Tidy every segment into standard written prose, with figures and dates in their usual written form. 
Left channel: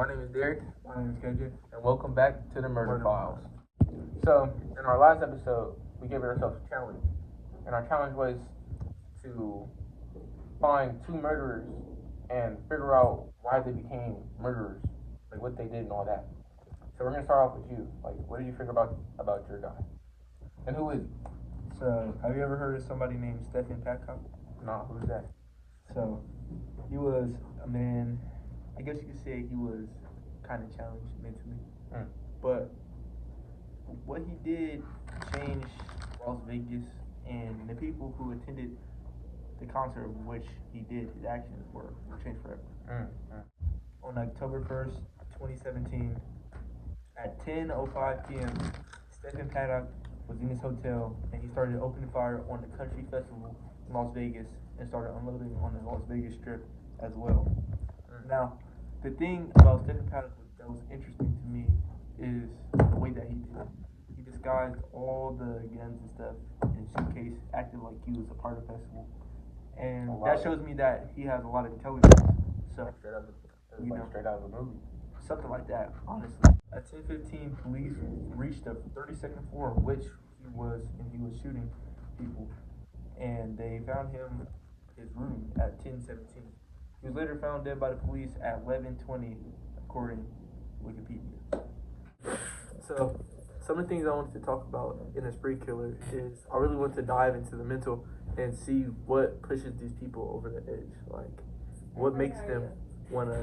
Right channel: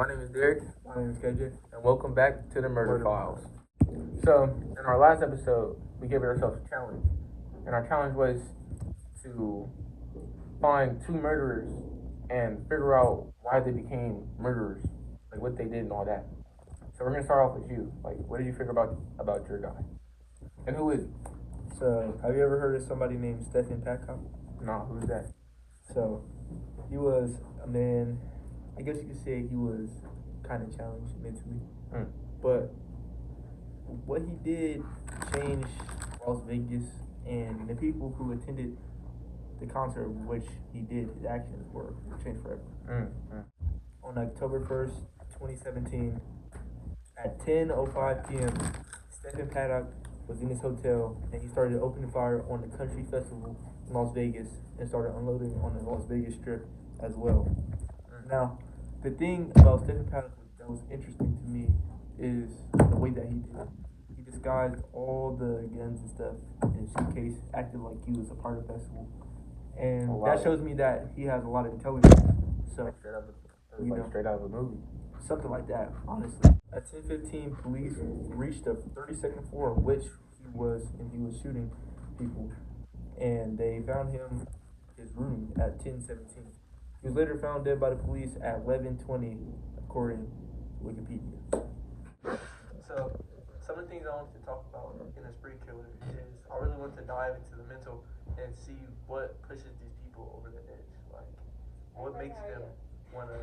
My name is Derick, My name is KJ. and welcome back to the Murder Files. So, in our last episode, we gave ourselves a challenge, and our challenge was to find two murderers and figure out why they became murderers, like what they did and all that. So we're gonna start off with you. Like, what did you figure about your guy? And who is he? So, have you ever heard of somebody named Stephen Paddock? Nah, who's that? So, he was a man, I guess you could say he was kind of challenged mentally. But what he did changed Las Vegas, and the people who attended the concert in which he did his actions were changed forever. On October 1st, 2017, at 10:05 p.m., Stephen Paddock was in his hotel, and he started opening fire on the country festival in Las Vegas and started unloading on the Las Vegas Strip as well. Now, the thing about Stephen Paddock that was interesting to me is the way that he did it. He disguised all the guns and stuff in his suitcase, acted like he was a part of the festival, and that shows me that he has a lot of intelligence. So, Straight out of a movie. Something like that, honestly. At 10:15, police reached the 32nd floor, which he was, and he was shooting people. And they found him his room at 10:17. He was later found dead by the police at 11:20, according to Wikipedia. So, some of the things I wanted to talk about in a spree killer is I really want to dive into the mental and see what pushes these people over the edge. Like, what makes them want to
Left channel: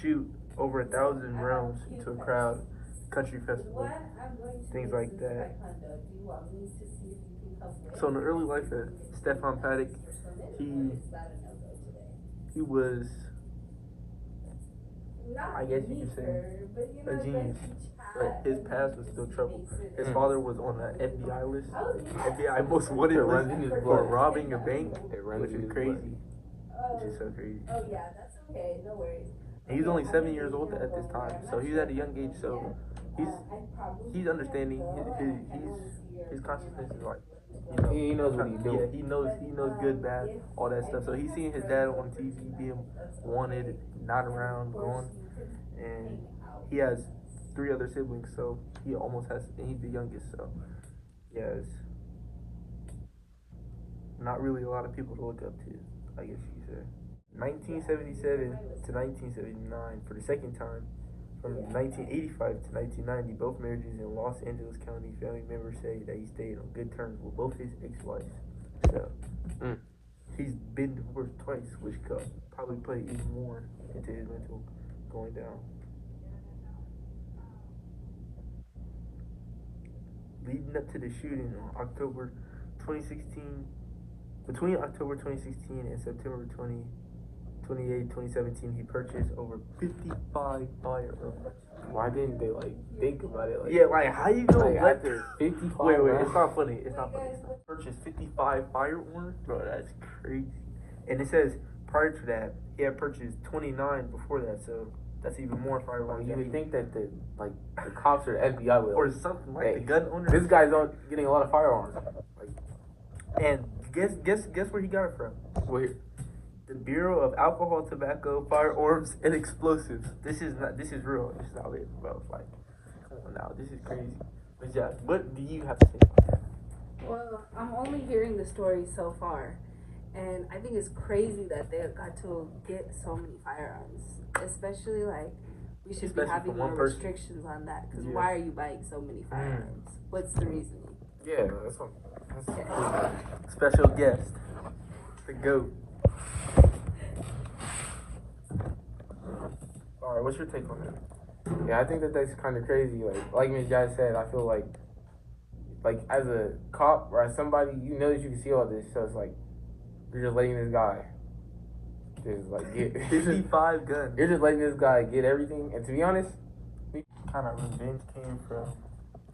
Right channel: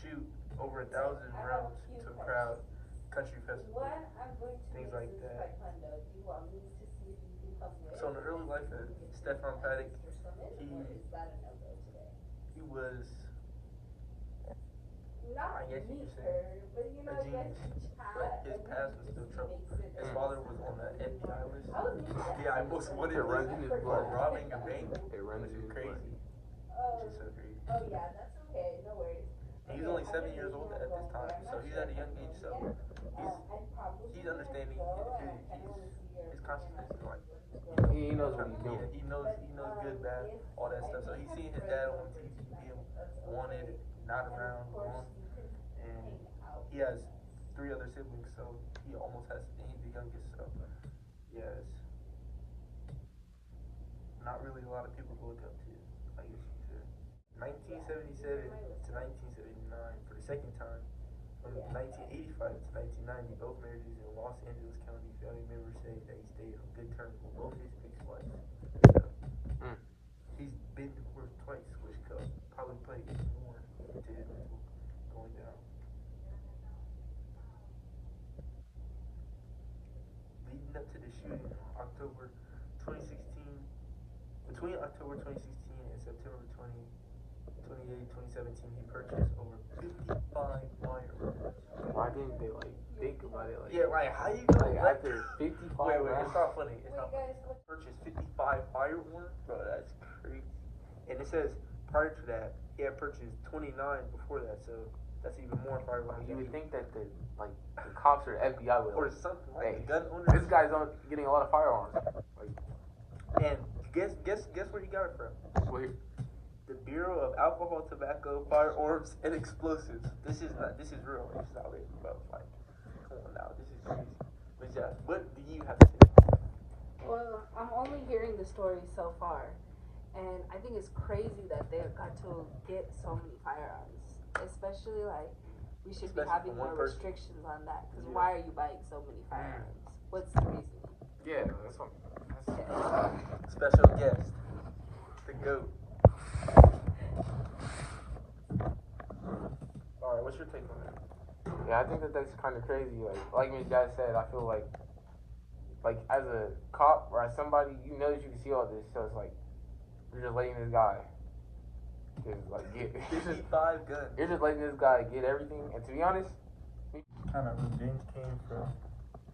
shoot over 1,000 rounds into a crowd, country festival, things like that. So in the early life of Stephen Paddock, he was, I guess you could say, a genius. But his past was still trouble. His father was on the FBI list, FBI most wanted list for robbing a bank, which is crazy. Which is so crazy. And he's only 7 years old at this time, so he's at a young age. So he's understanding. His consciousness is like, He knows what he's doing. Yeah, he knows good, bad, all that stuff. So he's seeing his dad on TV being wanted, not around, gone, and he has 3 other siblings. So he almost has, and he's the youngest. So he has not really a lot of people to look up to, I guess you could say. 1977 to 1979, for the second time, from 1985 to 1990, both marriages in Los Angeles County. Family members say that he stayed on good terms with both his ex-wives. So, he's been divorced twice, which could probably play even more into his mental going down. Leading up to the shooting on October 2016, between October 2016 and September 28, 2017, he purchased over 55 firearms. Why didn't they think about it? Yeah, like how you gonna after 55? Wait, it's not funny. Purchased 55 firearms, bro. That's crazy. And it says prior to that, he had purchased 29 before that. So that's even more firearms. You would think that the cops or FBI will, or something like the gun owner. This guy's getting a lot of firearms. And guess where he got it from? Where? The Bureau of Alcohol, Tobacco, Firearms, and Explosives. This is real. It's not it, bro. No, this is crazy. But yeah, what do you have to say about that? Well, I'm only hearing the story so far, and I think it's crazy that they got to get so many firearms. Especially we should be having more restrictions on that. Because why are you buying so many firearms? What's the reasoning? Yeah, that's okay. Special guest, the GOAT. Alright, what's your take on that? Yeah, I think that's kind of crazy. Like Ms. Jazz said, I feel like as a cop or as somebody, you know that you can see all this, so it's you're just letting this guy just get 55 guns. You're just letting this guy get everything, and to be honest, kind of revenge came from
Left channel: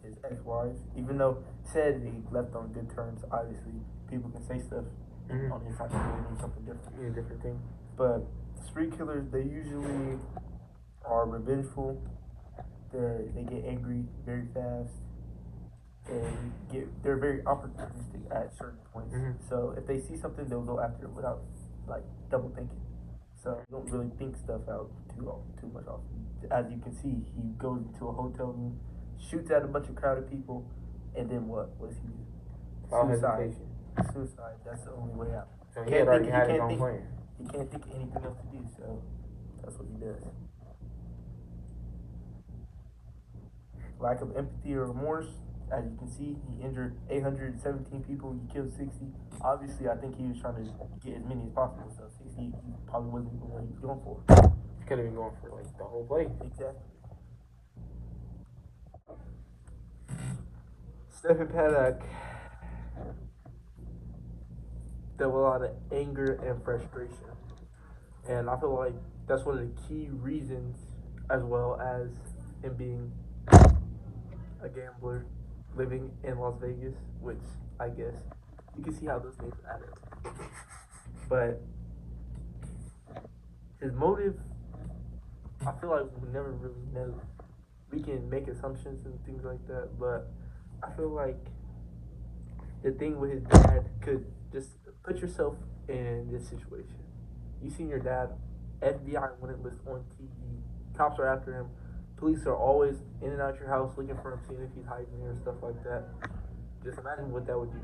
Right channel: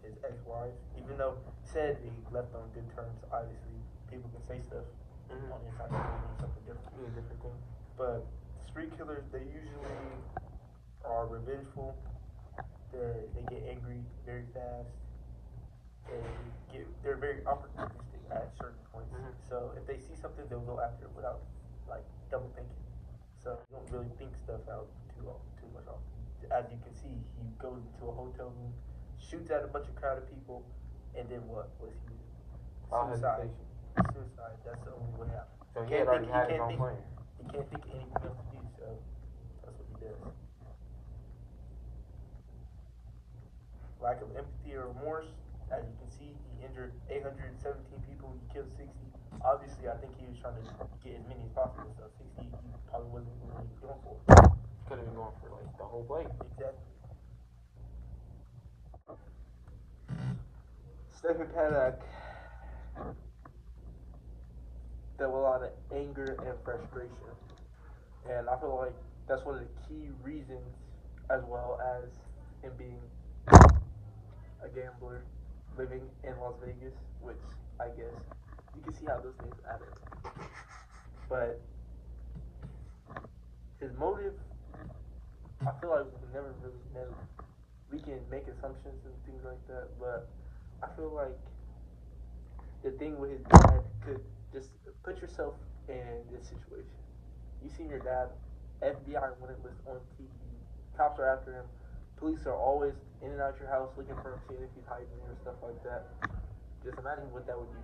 his ex-wives, even though said he left on good terms. Obviously, people can say stuff on his side of something different, different thing. But spree killers, they usually are revengeful. They get angry very fast. They're very opportunistic at certain points. So if they see something, they'll go after it without double thinking. So you don't really think stuff out too much often. as you can see, he goes into a hotel room, shoots at a bunch of crowded people, and then what? What's he do? Suicide. Suicide. That's the only way out. So he had already had his own plan. He can't think of anything else to do, so that's what he does. Lack of empathy or remorse. As you can see, he injured 817 people. He killed 60. Obviously, I think he was trying to get as many as possible. So 60, he probably wasn't even what he was going for. Could have been going for like the whole play. Exactly. Stephen Paddock dealt with a lot of anger and frustration, and I feel like that's one of the key reasons, as well as him being a gambler living in Las Vegas, which I guess you can see how those things add up. But his motive, I feel like we never really know. We can make assumptions and things like that, but I feel like the thing with his dad could just put yourself in this situation. You seen your dad, FBI when it was on TV, cops are after him. Police are always in and out your house looking for him, seeing if he's hiding or stuff like that. Just imagine what that would do.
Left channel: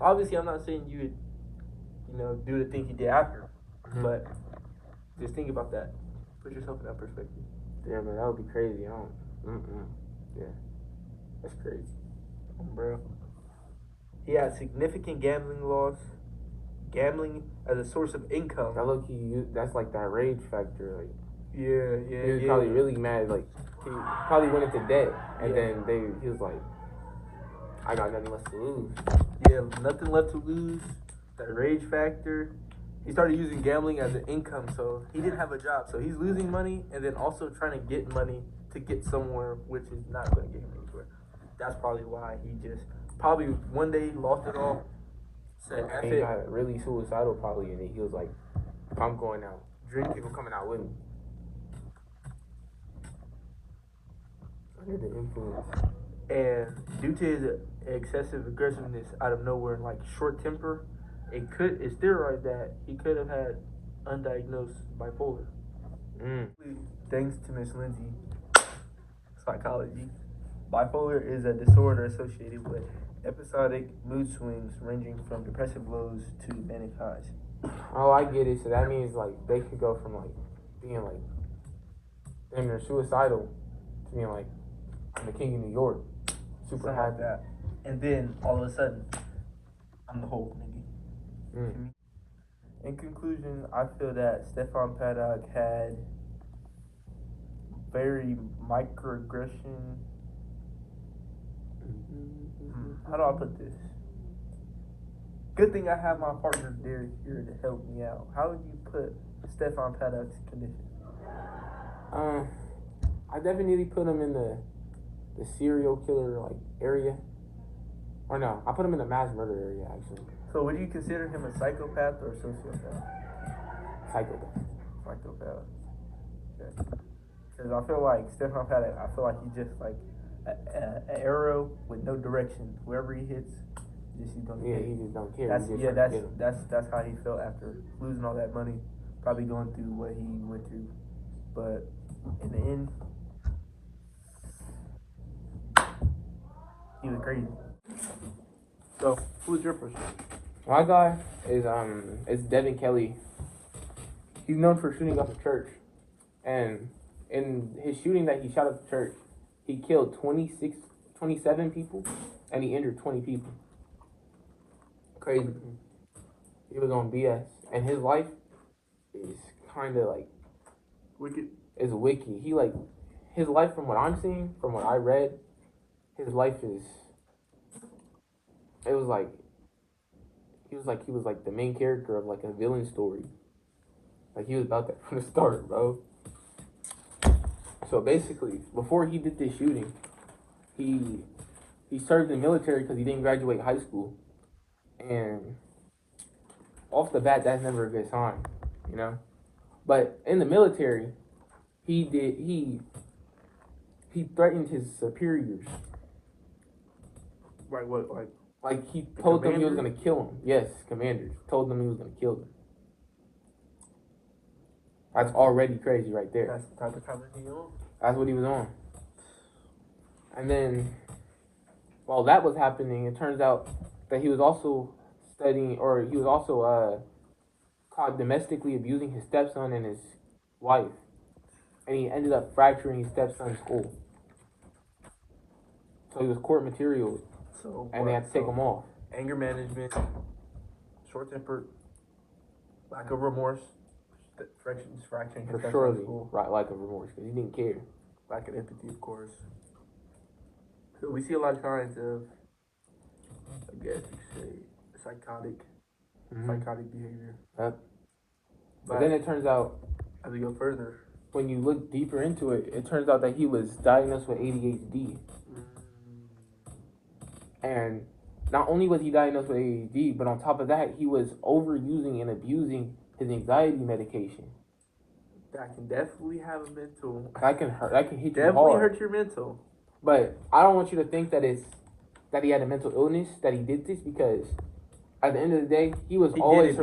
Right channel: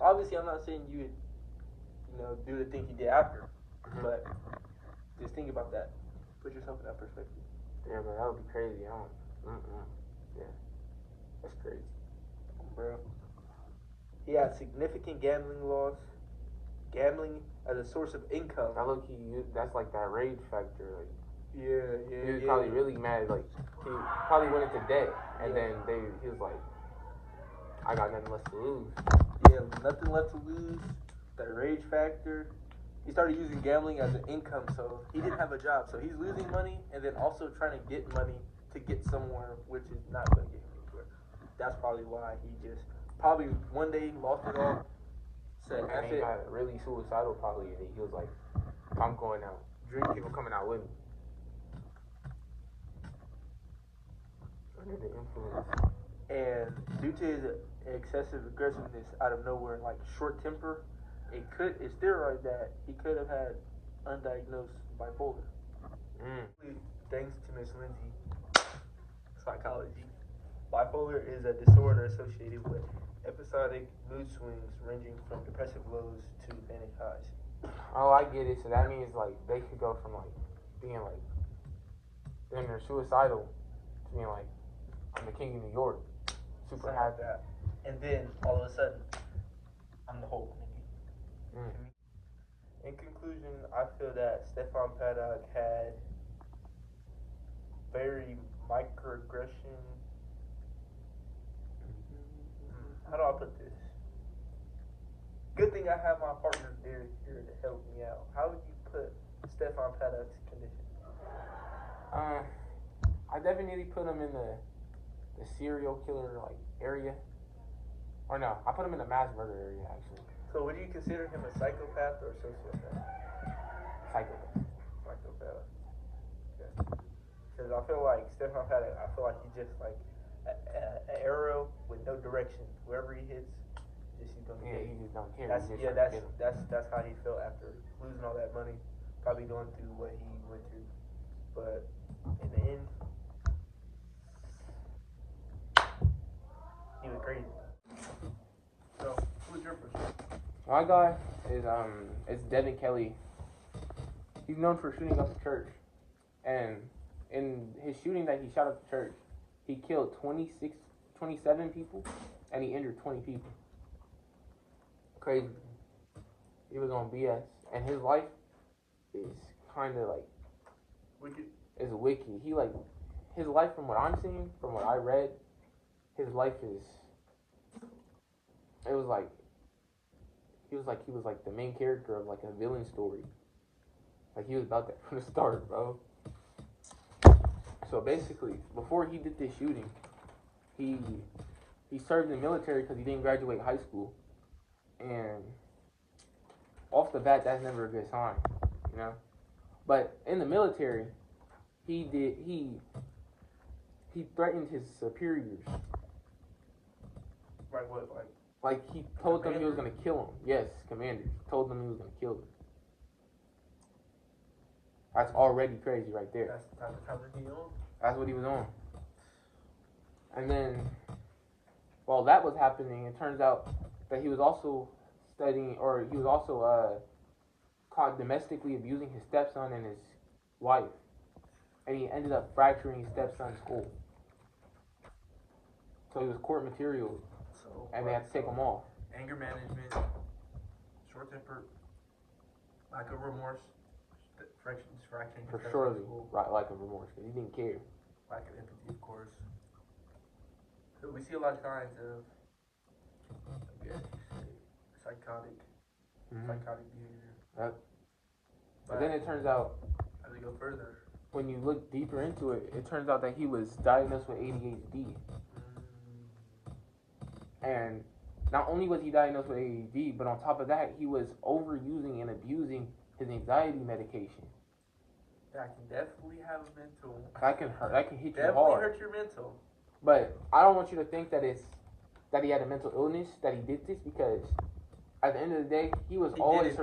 Obviously, I'm not saying you would, do the things you did after, but just think about that. Put yourself in that perspective. Yeah, man, that would be crazy. Yeah, that's crazy, bro. He had significant gambling laws. Gambling as a source of income. That's like that rage factor, like. Yeah. He was probably really mad, like, he probably went into debt, and then he was like, I got nothing left to lose. Yeah, nothing left to lose, that rage factor. He started using gambling as an income, so he didn't have a job. So he's losing money, and then also trying to get money to get somewhere, which is not going to get him anywhere. That's probably why he just, probably one day lost it all, said, and he got really suicidal probably, and he was like, if I'm going out, people coming out with me. Under the influence. And due to his excessive aggressiveness out of nowhere and like short temper, it's theorized that he could have had undiagnosed bipolar. Thanks to Miss Lindsey, psychology, bipolar is a disorder associated with episodic mood swings ranging from depressive lows to manic highs. Oh, I get it. So that means like they could go from like being like damn near suicidal to being like, I'm the king of New York, super happy. Like that. And then all of a sudden, I'm the Hulk, nigga. In conclusion, I feel that Stephen Paddock had very microaggression. How do I put this? Good thing I have my partner Derick here to help me out. How would you put Stephen Paddock's condition? I definitely put him in the serial killer like area. Or no, I put him in the mass murder area actually. So would you consider him a psychopath or a sociopath? Psychopath. Psychopath. Okay. Because I feel like Stephen Paddock, I feel like he's just like an arrow with no direction. Wherever he hits, he's don't care. He just don't care. That's how he felt after losing all that money, probably going through what he went through. But in the end, he was crazy. So, who's your person? My guy is Devin Kelly. He's known for shooting up a church, and in his shooting that he shot up the church, he killed 27 people, and he injured 20 people. Crazy. He was on BS, and his life is kind of like wicked. Is wicked. He like his life, from what I'm seeing, from what I read, his life is. It was like he was like the main character of like a villain story. Like he was about that from the start, bro. So basically, before he did this shooting, he served in the military because he didn't graduate high school, and off the bat, that's never a good sign, you know. But in the military, he threatened his superiors. Right, what, like he told them he was gonna kill him. Yes, commanders told them he was gonna kill them. That's already crazy right there. That's the type of time that he on. That's what he was on. And then, while that was happening, it turns out that he was also studying, or he was also caught domestically abusing his stepson and his wife. And he ended up fracturing his stepson's skull. So he was court material, and they had to take him off. Anger management, short tempered, lack of remorse, fracturing for surely, right, lack of remorse, because he didn't care. Lack of empathy, of course. So we see a lot of signs of, I guess you could say, psychotic behavior. Yep. But then it turns out, as we go further, when you look deeper into it, it turns out that he was diagnosed with ADHD. And not only was he diagnosed with ADHD, but on top of that, he was overusing and abusing his anxiety medication. That can definitely have a mental. That can hurt. That can hit you hard. Definitely hurt your mental. But I don't want you to think that he had a mental illness, that he did this, because at the end of the day, he was always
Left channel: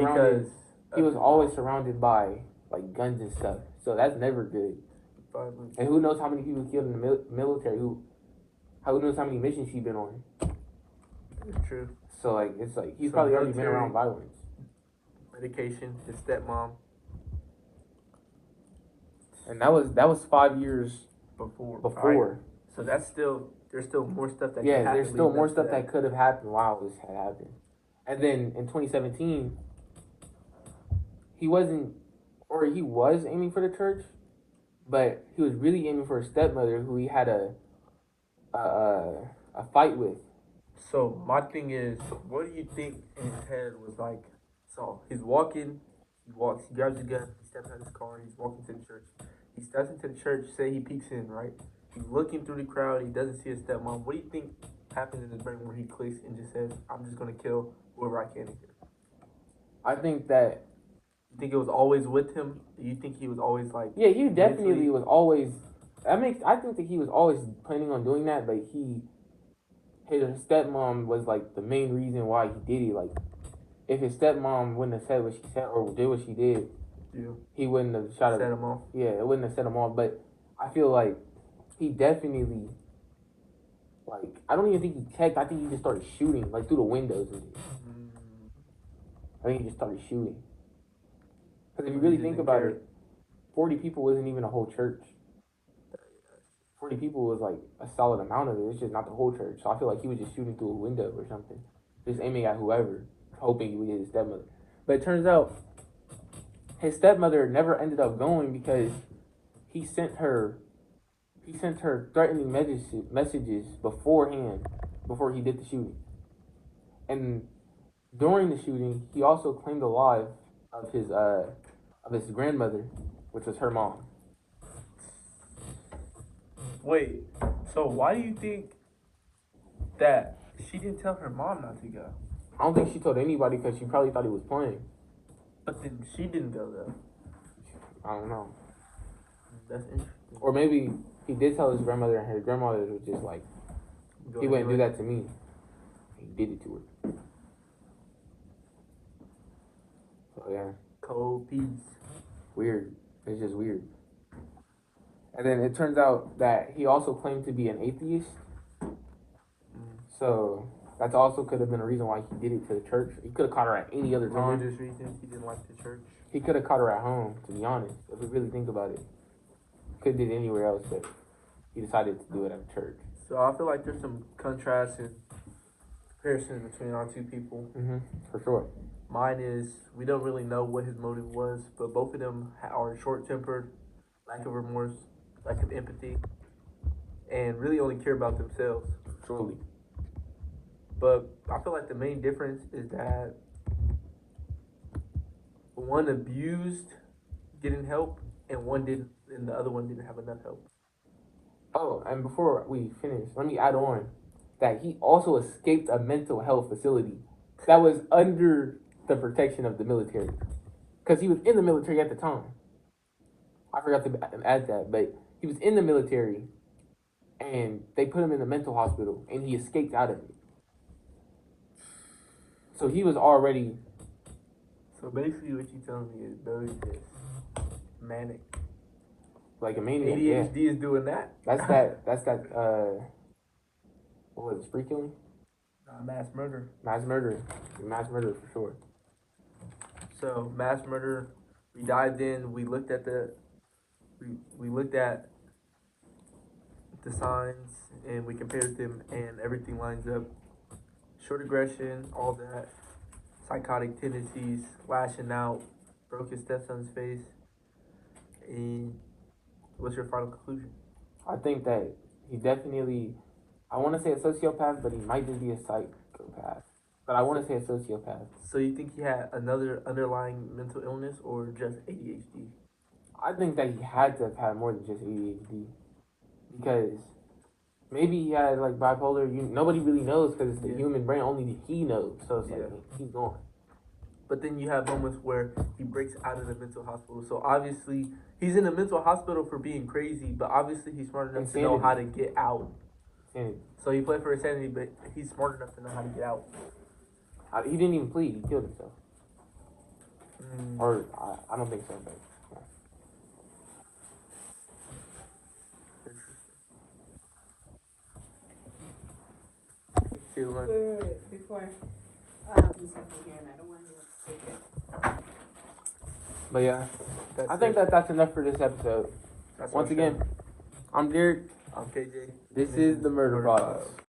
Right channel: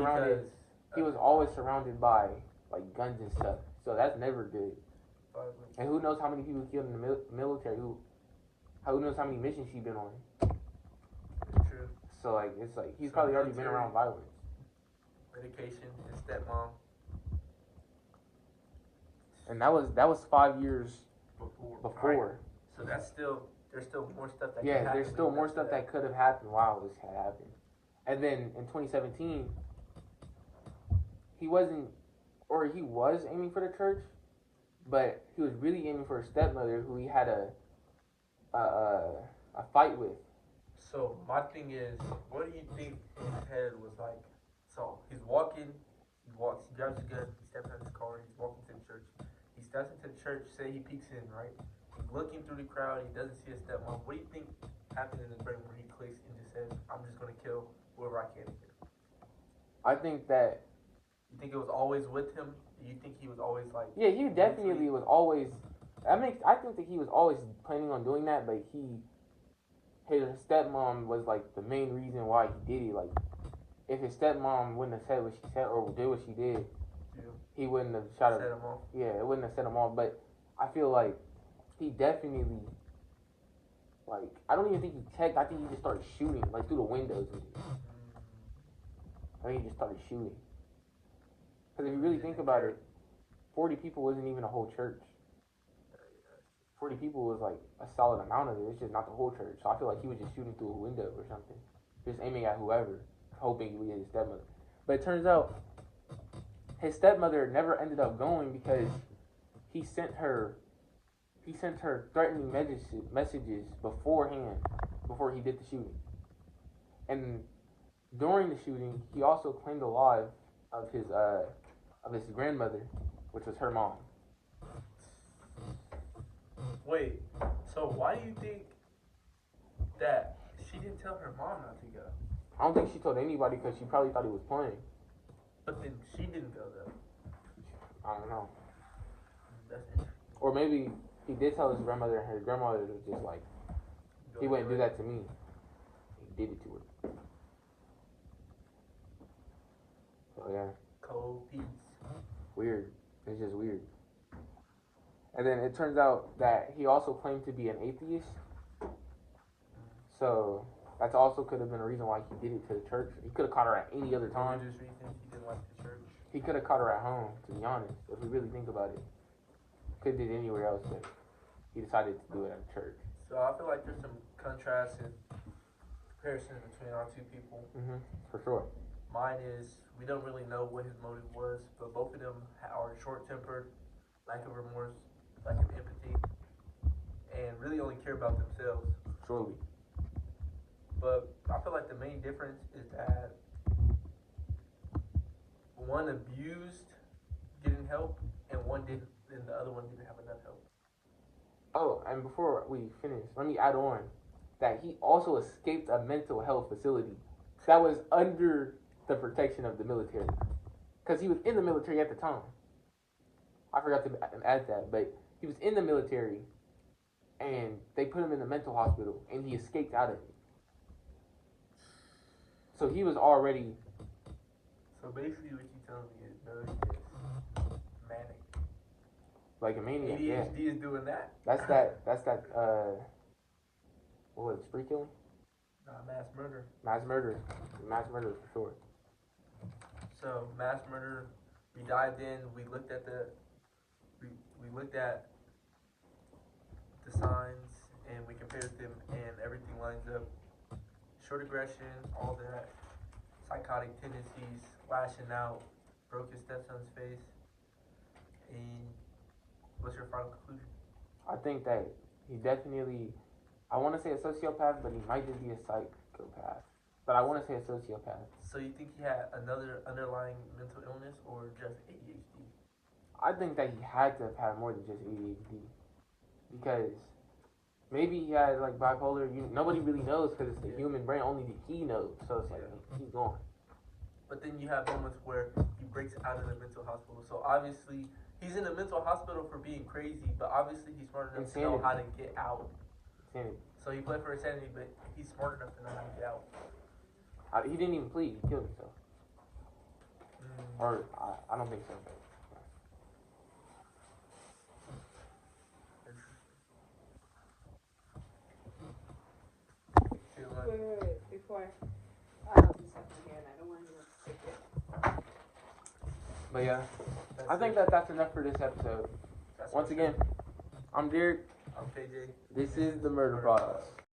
surrounded by like guns and stuff. So that's never good. And who knows how many people killed in the military? Who knows how many missions he's been on? True. So like it's like he's probably already been around violence. Medication, his stepmom. And that was 5 years before. Right? So there's still more stuff that there's still more stuff that could have happened while this had happened. And then in 2017, he was aiming for the church, but he was really aiming for his stepmother, who he had a fight with. So my thing is, what do you think in his head was like? So he's walking, he grabs his gun, he steps out of his car, he's walking to the church. He steps into the church, say he peeks in, right? He's looking through the crowd, he doesn't see his stepmom. What do you think happens in his brain where he clicks and just says, I'm just gonna kill whoever I can here? I think that. You think it was always with him? You think he was always like? Yeah, he definitely was always. I think that he was always planning on doing that, but his stepmom was like the main reason why he did it. Like, if his stepmom wouldn't have said what she said or did what she did, he wouldn't have set him off. Yeah, it wouldn't have set him off. But I feel like he definitely, like, I don't even think he checked. I think he just started shooting, like, through the windows and shit. I think he just started shooting. Because if you really think about it, 40 people wasn't even a whole church. 40 people was like a solid amount of it. It's just not the whole church. So I feel like he was just shooting through a window or something. Just aiming at whoever, hoping he would hit his stepmother. But it turns out his stepmother never ended up going because he sent her threatening messages beforehand, before he did the shooting. And during the shooting, he also claimed the life of his grandmother, which was her mom. Wait, so why do you think that she didn't tell her mom not to go? I don't think she told anybody because she probably thought he was playing. But then she didn't go though. I don't know. That's interesting. Or maybe he did tell his grandmother, and her grandmother was just like, he wouldn't do that to me. He did it to her. So yeah. Cold peace. Weird. It's just weird. And then it turns out that he also claimed to be an atheist. So that also could have been a reason why he did it to the church. He could have caught her at any other time. Religious reasons he didn't like the church. He could have caught her at home, to be honest, if we really think about it. Could have did it anywhere else, but he decided to do it at church. So I feel like there's some contrast and comparison between our two people. Mm-hmm, for sure. Mine is, we don't really know what his motive was, but both of them are short-tempered, lack of remorse, lack of empathy, and really only care about themselves. Truly. But I feel like the main difference is that one abused, didn't help, and the other one didn't have enough help. Oh, and before we finish, let me add on that he also escaped a mental health facility that was under the protection of the military. Because he was in the military at the time. I forgot to add that, but he was in the military, and they put him in the mental hospital, and he escaped out of it. So he was already... So basically what you're telling me is, bro, is just manic. like a maniac. ADHD is doing that. That's that. What was it? Spree killing? Mass murder. Mass murder for sure. So mass murder. We dived in. We looked at the signs and we compared them, and everything lines up. Short aggression, all that. Psychotic tendencies, lashing out, broke his stepson's face. And what's your final conclusion? I think that he definitely, I want to say a sociopath, but he might just be a psychopath. But I want to say a sociopath. So you think he had another underlying mental illness or just ADHD? I think that he had to have had more than just ADHD. Because maybe he had like bipolar. Nobody really knows because it's the human brain. Only he knows. So it's like, he's gone. But then you have moments where he breaks out of the mental hospital. So obviously, he's in a mental hospital for being crazy, but obviously he's smart enough to know how to get out. Insanity. So he played for insanity, but he's smart enough to know how to get out. He didn't even plead. He killed himself. Or, I don't think so. But, Before But yeah, I think that's enough for this episode. Once again, I'm Derick. I'm KJ. This is the Murder Files.